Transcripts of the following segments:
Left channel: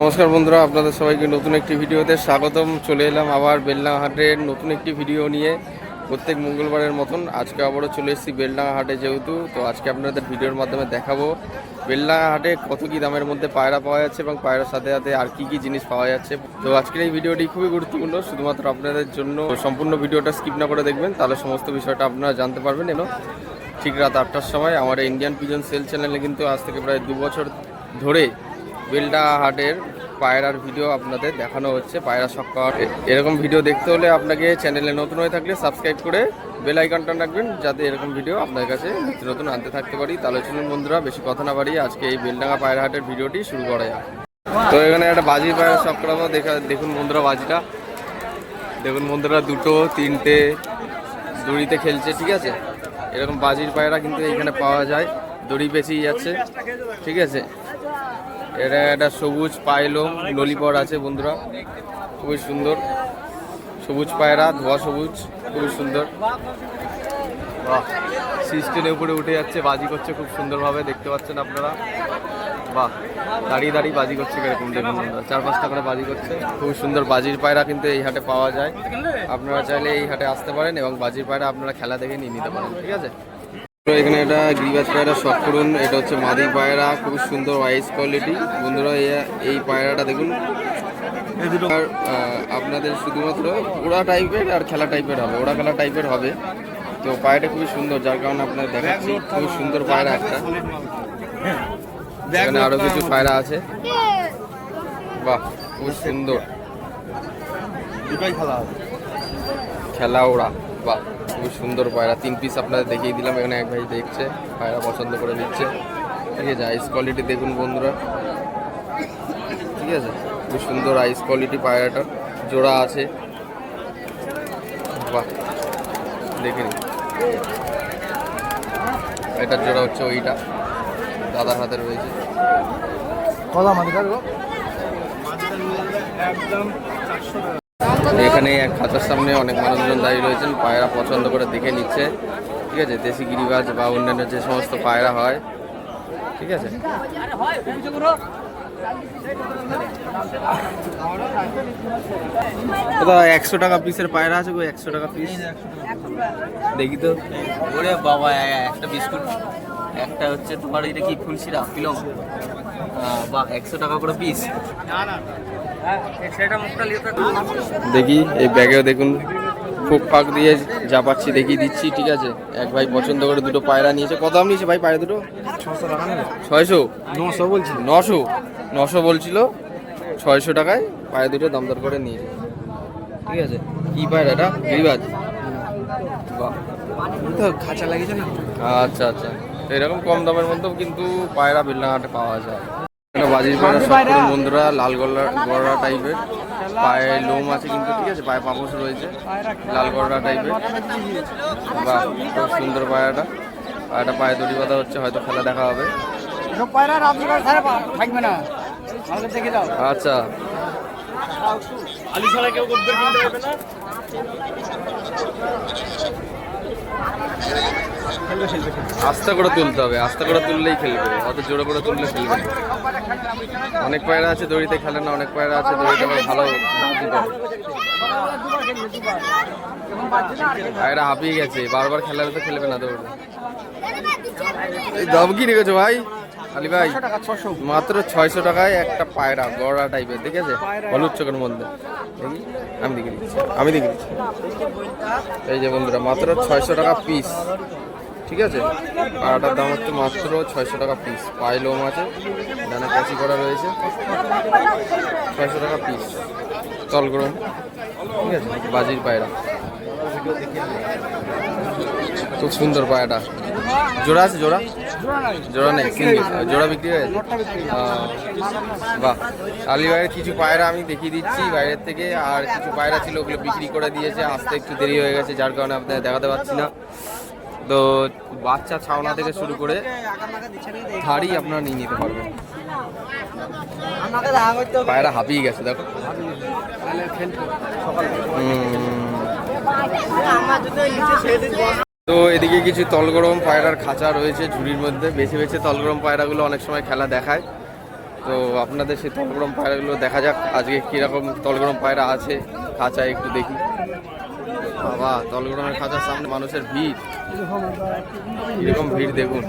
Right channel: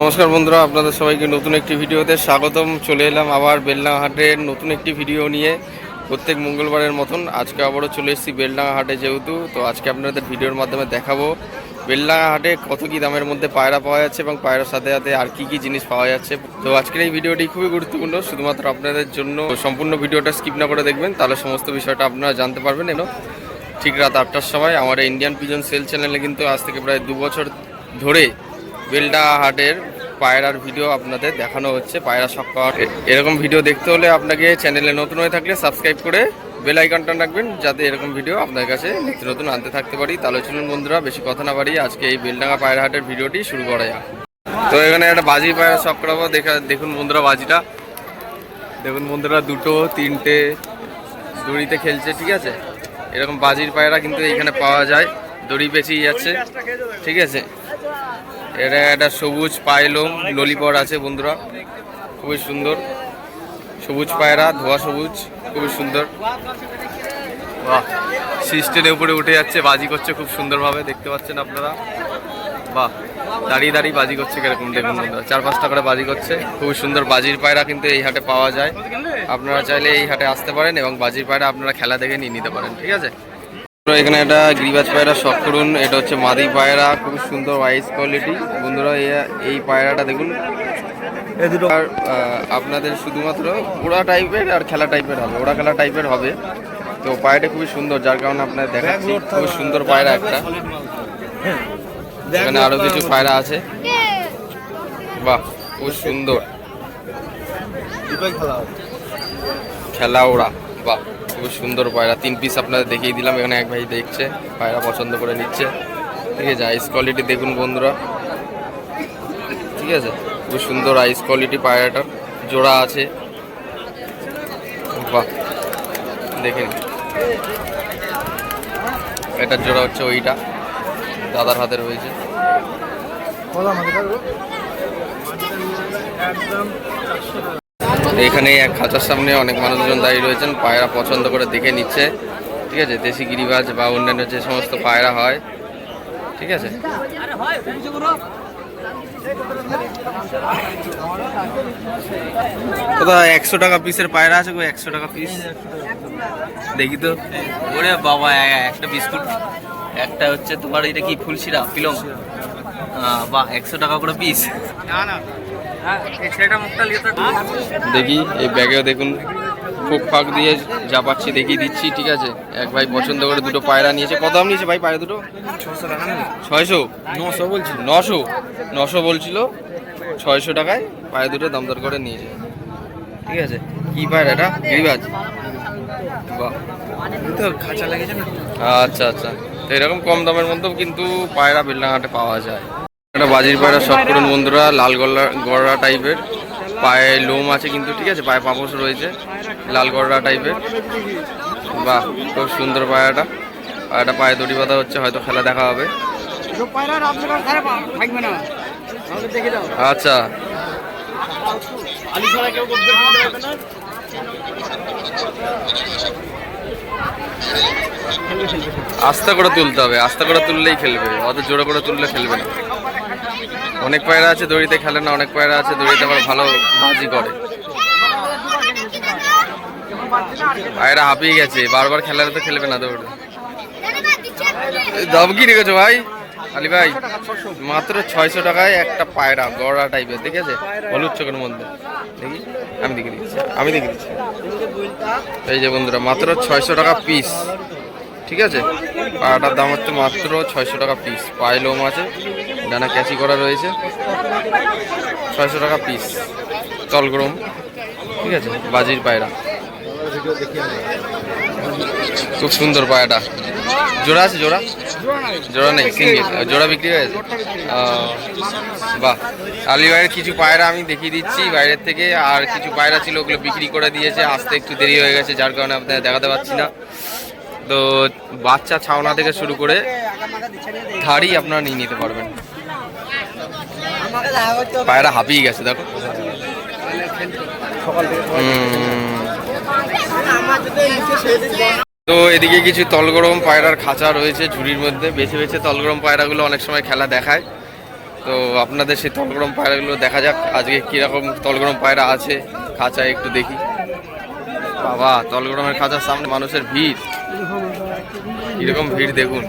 নমস্কার বন্ধুরা, আপনাদের সবাইকে নতুন একটি ভিডিওতে স্বাগতম। চলে এলাম আবার বেলডাঙ্গা হাটের নতুন একটি ভিডিও নিয়ে। প্রত্যেক মঙ্গলবারের মতন আজকে আবারও চলে এসেছি বেলডাঙ্গা হাটে। যেহেতু তো আজকে আপনাদের ভিডিওর মাধ্যমে দেখাবো বেলডাঙ্গা হাটে কত কী দামের মধ্যে পায়রা পাওয়া যাচ্ছে এবং পায়রার সাথে সাথে আর কি জিনিস পাওয়া যাচ্ছে। তো আজকের এই ভিডিওটি খুবই গুরুত্বপূর্ণ, শুধুমাত্র আপনাদের জন্য। সম্পূর্ণ ভিডিওটা স্কিপ না করে দেখবেন, তাহলে সমস্ত বিষয়টা আপনারা জানতে পারবেন। ঠিক রাত 8টার সময় আমার ইন্ডিয়ান পিজন সেল চ্যানেলে কিন্তু আজ থেকে প্রায় 2 বছর ধরে বেলডাঙ্গা হাটের পায়রার ভিডিও আপনাদের দেখানো হচ্ছে। পায়রা সক্কা এরকম ভিডিও দেখতে হলে আপনাকে চ্যানেলে নতুন হয়ে থাকলে সাবস্ক্রাইব করে বেল আইকনটা রাখবেন, যাতে এরকম ভিডিও আপনার কাছে নিত্য নতুন আনতে থাকতে পারি। তাহলে চলুন বন্ধুরা, বেশি কথা না বাড়িয়ে আজকে এই বেলডাঙ্গা পায়রা হাটের ভিডিওটি শুরু করা যাক। তো এখানে একটা বাজি পায়রা শখ করাবো। দেখুন বন্ধুরা, বাজিটা দেখুন বন্ধুরা, 2, 3টে দড়িতে খেলছে। ঠিক আছে, এরকম বাজির পায়রা কিন্তু এইখানে পাওয়া যায়, দড়ি পেঁচিয়ে যাচ্ছে। ঠিক আছে, এটা একটা সবুজ পায়লম ললিপট আছে বন্ধুরা, খুবই সুন্দর সবুজ পায়রা, ধোয়া সবুজ, খুবই সুন্দর। বাহ, সিস্টেমের উপরে উঠে যাচ্ছে, বাজি করছে খুব সুন্দরভাবে, দেখতে পাচ্ছেন আপনারা। বাহ, দাঁড়িয়ে দাঁড়িয়ে বাজি করছে কিরকম দেখুন বন্ধুরা, 4-5টা করে বাজি করছে। খুবই সুন্দর বাজির পায়রা কিন্তু এই হাটে পাওয়া যায়। আপনারা চাইলে এই হাটে আসতে পারেন এবং বাজির পায়রা আপনারা খেলা দেখে নিয়ে নিতে পারেন। ঠিক আছে, এখানে একটা গিরিবাজ পায়রা শখ করুন। এটা হচ্ছে মাদি পায়রা, খুব সুন্দর আইস কোয়ালিটি বন্ধুরা। এই পায়রাটা দেখুন, আর আপনাদের শুধুমাত্র ওড়া টাইপের আর খেলা টাইপের হবে, ওড়া খেলা টাইপের হবে। তো পায়রাটা খুবই সুন্দর, যার কারণে আপনাদের দেখাচ্ছি। খুব সুন্দর পায়রা একটা। এখানে আরো কিছু পায়রা আছে। বাহ, খুব সুন্দর খেলা ওড়া। বাহ, খুব সুন্দর পায়রা। 3 পিস আপনাদের দেখিয়ে দিলাম। এখানে এক ভাই দেখছে, পায়রা পছন্দ করে নিচ্ছে। ঠিক আছে, আইস কোয়ালিটি দেখুন বন্ধুরা। ঠিক আছে, খুব সুন্দর আইস কোয়ালিটি পায়রাটার। জোড়া আছে। বাহ, দেখে নিন, এটার জোড়া হচ্ছে ওইটা, দাদার হাতে রয়েছে। এখানে এক খাঁচার সামনে অনেক মানুষজন দাঁড়িয়ে রয়েছেন, পায়রা পছন্দ করে দেখে নিচ্ছে। ঠিক আছে, দেশি গিরিবাজ বা অন্যান্য যে সমস্ত পায়রা হয়। ঠিক আছে, কোথা 100 টাকা পিসের পায়রা আছে গো, 100 টাকা পিস। দেখি তো। ওরে বাবা, একটা বিস্কুট, একটা হচ্ছে তোমার এটা কি ফুলশিরা পিলং। বাহ, 100 টাকা করে পিস। দেখি এই ব্যাগেও দেখুন, ফুক ফাঁক দিয়ে যা পাচ্ছি দেখিয়ে দিচ্ছি। ঠিক আছে, এক ভাই পছন্দ করে দুটো পায়রা নিয়েছে। কত দাম নিয়েছে ভাই পায়রা দুটো? 600 টাকা। 600? 900 বলছিল। 900 বলছিল, 600 টাকায় পায়রা দুটো দাম দর করে নিয়েছে। ঠিক আছে, কি পায়রা এটা? গিরিবাজ। বাহ, তো খাঁচা লাগিয়েছে। আচ্ছা আচ্ছা, তো এরকম কম দামের মধ্যেও কিন্তু পায়রা বেলডাঙ্গা হাটে পাওয়া যায়। একটা বাজির পায়রা শখ করুন বন্ধুরা, লাল গড়া টাইপের, পায়ে লোম আছে কিন্তু। ঠিক আছে, পায়ে পাপোশ রয়েছে, লাল গড়া টাইপের। বাহ, খুব সুন্দর পায়রাটা। পায়রাটা পায়ে দড়ি বাঁধা হচ্ছে, হয়তো খেলা দেখা হবে। আচ্ছা, আস্তে করে তুলতে হবে, আস্তে করে তুললেই খেলবে, অত জোরে করে তুললে খেলবে না। অনেক পায়রা আছে দড়িতে খেলে না, অনেক পায়রা আছে দড়িতে আবার ভালো বাজি করে। পায়রা হাঁপিয়ে গেছে, বারবার খেলালে তো খেলবে না দৌড়ে। দাম কি রেখেছো ভাই আলী ভাই? মাত্র 600 টাকায় একটা পায়রা গড়া টাইপের। ঠিক আছে, হলুদ চোখের মধ্যে। দেখি, আমি দেখে দিচ্ছি। এই যে বন্ধুরা, মাত্র 600 টাকা পিস। ঠিক আছে, পায়রাটার দাম হচ্ছে মাত্র 600 টাকা পিস। পায়ে লোম আছে, ডানা ক্যাচি করা রয়েছে। 600 টাকা পিস, তলগরম। ঠিক আছে, বাজির পায়রা, খুব সুন্দর পায়রাটা। জোড়া আছে? জোড়া নেই, সিঙ্গেল। জোড়া বিক্রি হয়ে গেছে। বাহ, আলী ভাইয়ের কিছু পায়রা আমি দেখিয়ে দিচ্ছি বাইরের থেকে, আর কিছু পায়রা ছিল ওগুলো বিক্রি করে দিয়েছে, আসতে একটু দেরি হয়ে গেছে, যার কারণে আপনাদের দেখাতে পারছি না। তো বাচ্চা ছাওনা থেকে শুরু করে ধাড়ি আপনারা নিয়ে নিতে পারবেন। পায়রা হাঁপিয়ে গেছে দেখো। তো এদিকে কিছু তলগরম পায়রার খাঁচা রয়েছে ঝুড়ির মধ্যে, বেছে বেছে তলগরম পায়রাগুলো অনেক সময় খেলা দেখায়। তো আপনাদের সেই তলগরম পায়রাগুলো দেখা যাক আজকে কীরকম তলগরম পায়রা আছে খাঁচায়, একটু দেখি। বাবা, তলগরমের খাঁচার সামনে মানুষের ভিড়, কীরকম ভিড় দেখুন।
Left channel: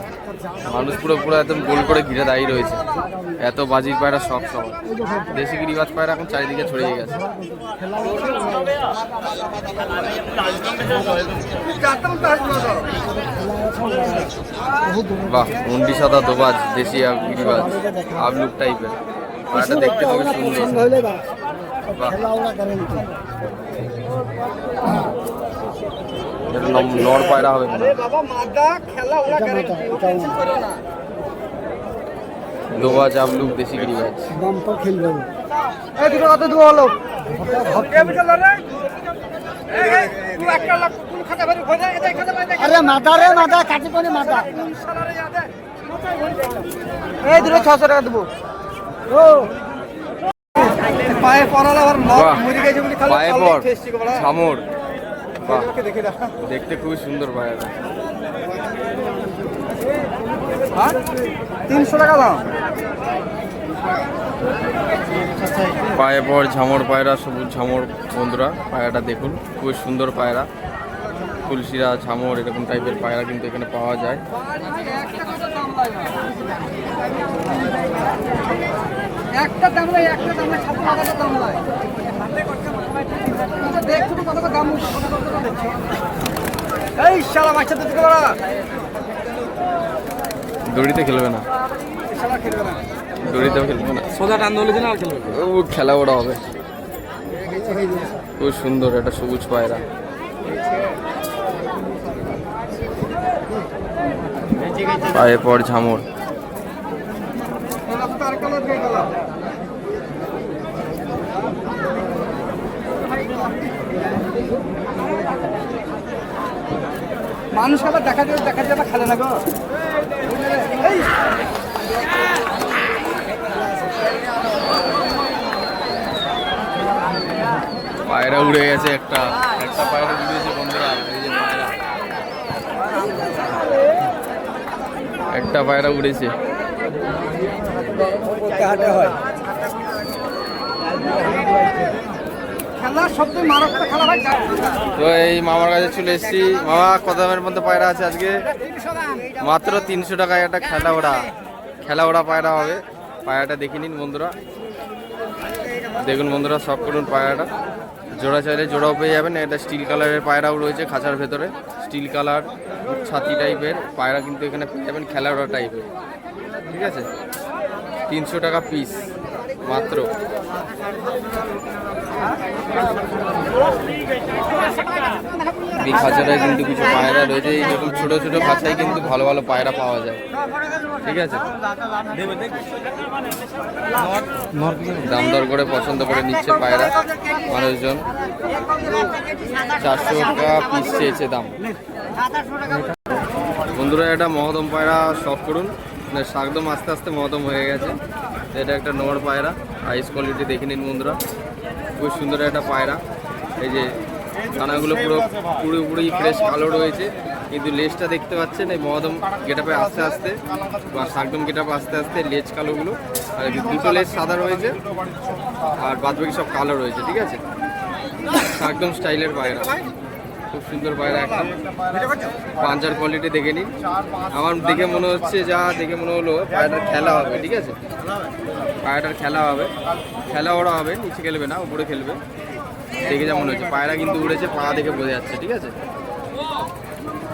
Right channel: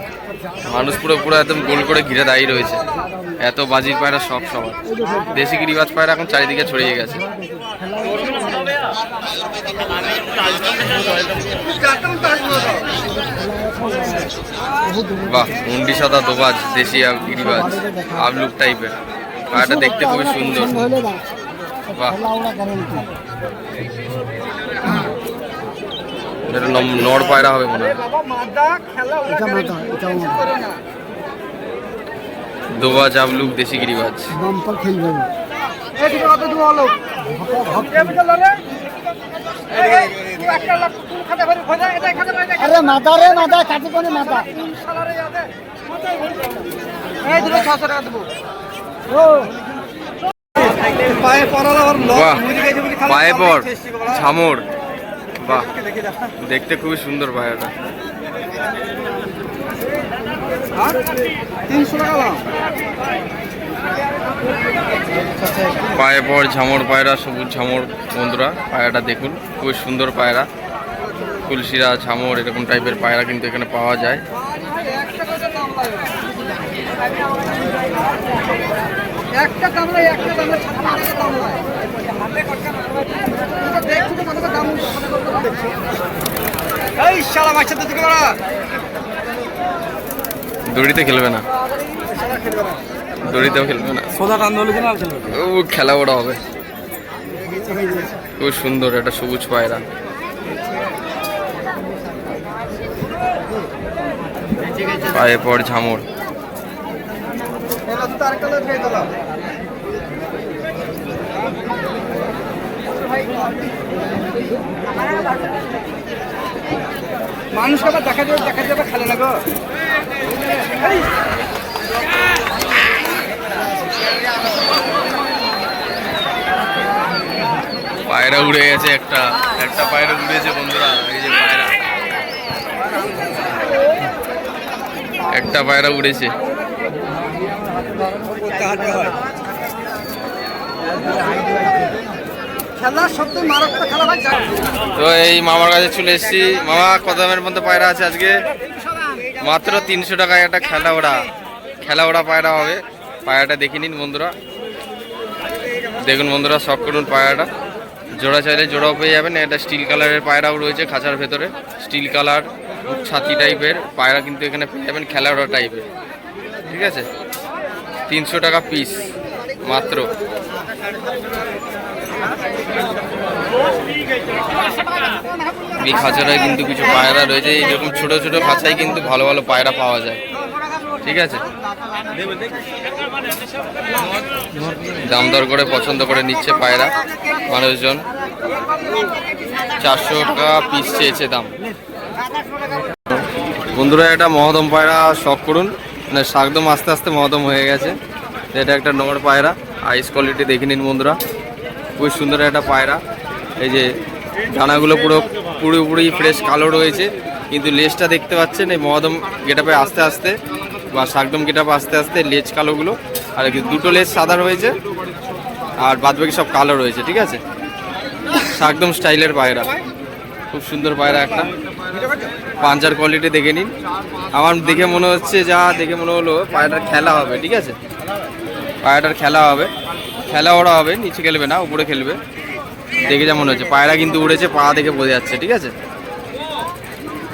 মানুষ পুরো পুরো একদম গোল করে ঘিরে দাঁড়িয়ে রয়েছে। এত বাজির পায়রা শখ সবার। দেশি গিরিবাজ পায়রা এখন চারিদিকে ছড়িয়ে গেছে। বাহ, মুন্ডি সাদা দোবাজ দেশি গিরিবাজ আবলুক টাইপের পায়রাটা দেখতে খুবই সুন্দর। বাহ, এটা নর পায়রা হবে মনে হয়। দোবাজ আবলুক দেশি গিরিবাজ। আরে মাথা রে মাথা কাটি কোনে মাথা এই দিলে 600 টাকা দেব। ও পায়ে পড়ালা আর বাহ, পায়ে পড় ছামর। বাহ, দেখতে খুবই সুন্দর পায়রাটা। 300 টাকা দাও। পায়ে পড় ঝামর পায়রা, সবুজ ঝামর বন্ধুরা। পায়রাটা দেখুন, খুবই সুন্দর পায়রা। ফুলশিরা ঝামর এরকম টাইপের পায়রা কিন্তু এখানে পাওয়া যায়। একটা দাম নাই, একটা দাম নাই, 7 টাকা দাম নাই। দেখো কত দাম। এই শালা বাচ্চা তো দিকে বড়। দড়িতে খেলবে না, শালা খেলবে না, দড়িতেও খেলবে না, সোজা টান দলে দিন আর খেলবে। ও খেলা ওরা হবে। খুব সুন্দর একটা সবুজ পায়রা। পায়ে পড় ঝামর। মানুষকে আবার দেখা যাবে খেলে না গো। পায়রা উড়ে গেছে, একটা পায়রা উড়েছে বন্ধুরা। এই যে পায়রা, একটা পায়রা উড়েছে। তো এই মামার কাছে চলে এসেছি। মামা, কত দামের মধ্যে পায়রা আছে আজকে? মাত্র 300 টাকায় একটা খেলা ওড়া পায়রা হবে। পায়রাটা দেখে নিন বন্ধুরা, দেখুন বন্ধুরা, শখ করুন পায়রাটা। জোড়া চাইলে জোড়াও পেয়ে যাবেন। এটা স্টিল কালারের পায়রাও রয়েছে খাঁচার ভেতরে। স্টিল কালার ছাতি টাইপের পায়রা কিন্তু এখানে পেয়ে যাবেন, খেলা ওড়া টাইপের। ঠিক আছে, 300 টাকা পিস মাত্র। এই খাঁচাটায় কিন্তু কিছু পায়রা রয়েছে। এইরকম ছোট ছোট খাঁচায় কিন্তু ভালো ভালো পায়রা পাওয়া যায়। ঠিক আছে, দাম দর করে পছন্দ করে নিচ্ছে পায়রা মানুষজন। 400 টাকা পিস চেয়েছে দাম। বন্ধুরা, এটা মহদম পায়রা শখ করুন। মানে শাকদম আস্তে আস্তে মহদম হয়ে গেছে। এটা একটা নোংর পায়রা, আইস কোয়ালিটি দেখে নিন বন্ধুরা। খুব সুন্দর একটা পায়রা। এই যে ডানাগুলো পুরোপুরি ফ্রেশ কালো রয়েছে, কিন্তু লেজটা দেখতে পাচ্ছেন এই মহদম গেটাপে আস্তে আস্তে বা শাকদম গেটাপে আস্তে আস্তে লেজ কালোগুলো। আর দুটো লেজ সাদা রয়েছে আর বাদবাকি সব কালো রয়েছে। ঠিক আছে, শাকদম স্টাইলের পায়রা, খুব সুন্দর পায়রা একটা। পাঞ্জার কোয়ালিটি দেখে নিন। আমার দেখে মনে হচ্ছে, দেখে মনে হলো পায়রাটার খেলা হবে। ঠিক আছে, পায়রাটার খেলা হবে, খেলা ওরা হবে, নিচে খেলবে না, উপরে খেলবে। দেখে যা মনে হচ্ছে, পায়রা কিন্তু উড়েছে, পা দেখে বোঝা যাচ্ছে। ঠিক আছে,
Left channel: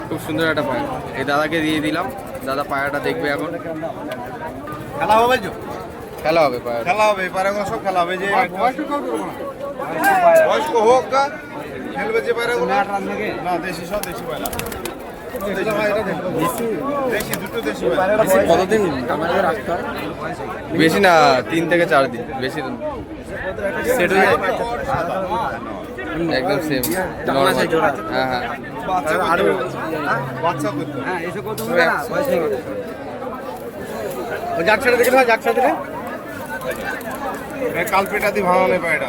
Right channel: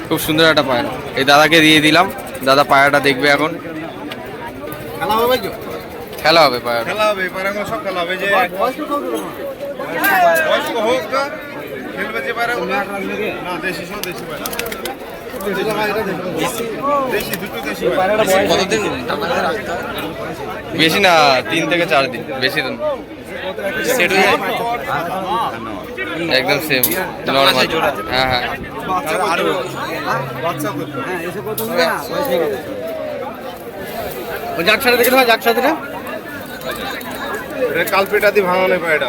খুব সুন্দর একটা পায়রা। এই দাদাকে দিয়ে দিলাম, দাদা পায়রাটা দেখবে এখন। খেলা হবে, খেলা হবে পায়রা, খেলা হবে, পায়রা সব খেলা হবে। যে বয়স্ক হোক না, খেলবে যে পায়রা না, দেশি সব দেশি পায়রা, দেশি দুটো দেশি পায়রা। কতদিন? বেশি না, 3 থেকে 4 দিন, বেশি দিন। একদম সেম নরমাল। হ্যাঁ হ্যাঁ, বাচ্চা করতে হ্যাঁ এসে কত হবে না বয়স হয়ে গেছে। ওই জাকসাটা দেখে দাও, জাকসাটা এটা কালপেটা দিয়ে ভাঙানো পায়রা,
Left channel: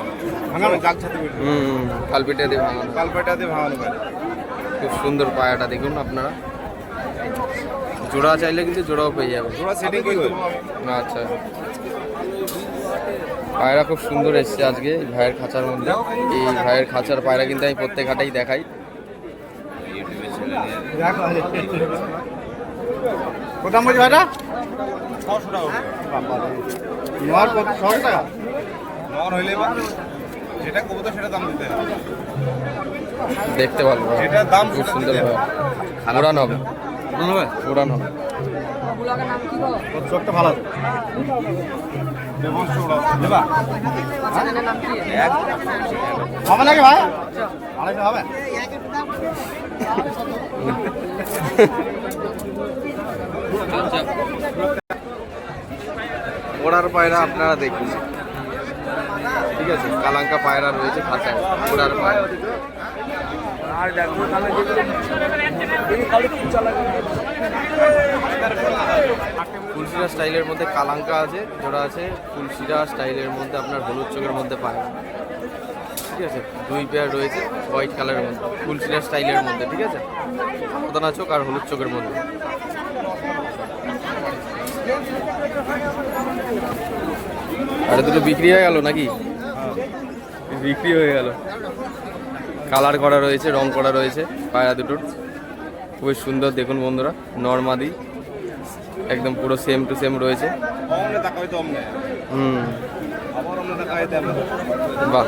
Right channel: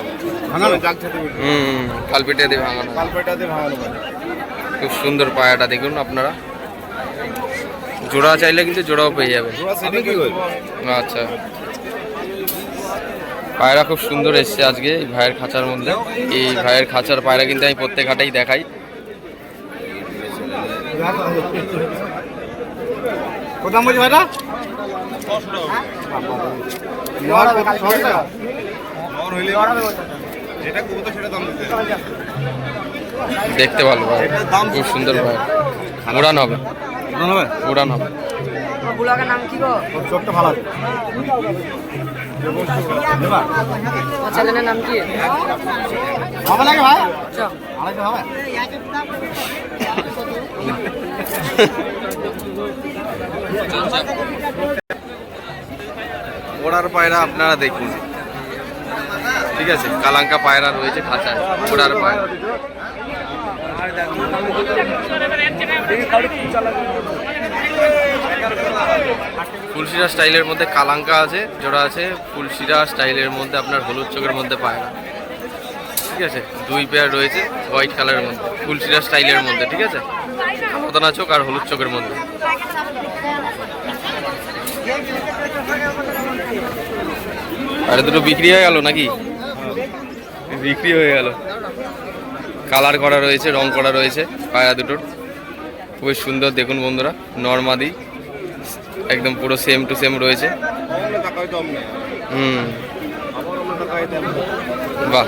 ভাঙানো জাগছাতে বলি। কালপিটা দিয়ে ভাঙানো, কালপেটা দিয়ে ভাঙানো পায়রা। খুব সুন্দর পায়রাটা দেখুন আপনারা। জোড়া চাইলে কিন্তু জোড়াও পেয়ে যাবে। তোরা সেটিং করে দেবো। আচ্ছা, পায়রা খুব সুন্দর এসছে আজকে এই ভাইয়ের খাঁচার মধ্যে। এই ভাইয়ের খাঁচার পায়রা কিন্তু আমি প্রত্যেক হাটেই দেখাই। কত দাম বলছি ভাইটা? 600 টাকা নর হইলে যেটা কবুতর সেটা দাম দিতে হবে। দেখতে ভালো ভাই, খুব সুন্দর ভাই। উড়ান হবে, উড়ান হবে। চোখটা ভালো আছে। দেবা চ্যানেলের নাম কি? হবে নাকি ভাই? আড়াইশো হবে? ওড়ার পায়রা আপনারা দেখুন, ঠিক আছে? কালাঙ্কা পায়রা রয়েছে খাঁচায়, ওড়ার পায়রা। ফুলশিরা স্টাইলের মধ্যে কালাঙ্কা আছে, জোড়া আছে। ফুলশিরা স্টাইলের মধ্যে আপনার হলুদ চোখের মধ্যে পায়রা, ঠিক আছে? 2 পেয়ার রয়েছে হোয়াইট কালারের মধ্যে, ফুলশিরা স্টাইলের মধ্যে, ঠিক আছে? মদনা চোখ আর হলুদ চোখের মধ্যে। আরে দুটো বিক্রি হয়ে গেল নাকি? বিক্রি হয়ে গেল। কালার করা রয়েছে, রং করা রয়েছে পায়রা দুটোর, খুবই সুন্দর। দেখুন বন্ধুরা, নরমাদি একদম পুরো সেম টু সেম রয়েছে। বাহ,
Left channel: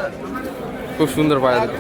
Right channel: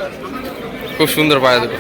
খুব সুন্দর পায়রা দুটো।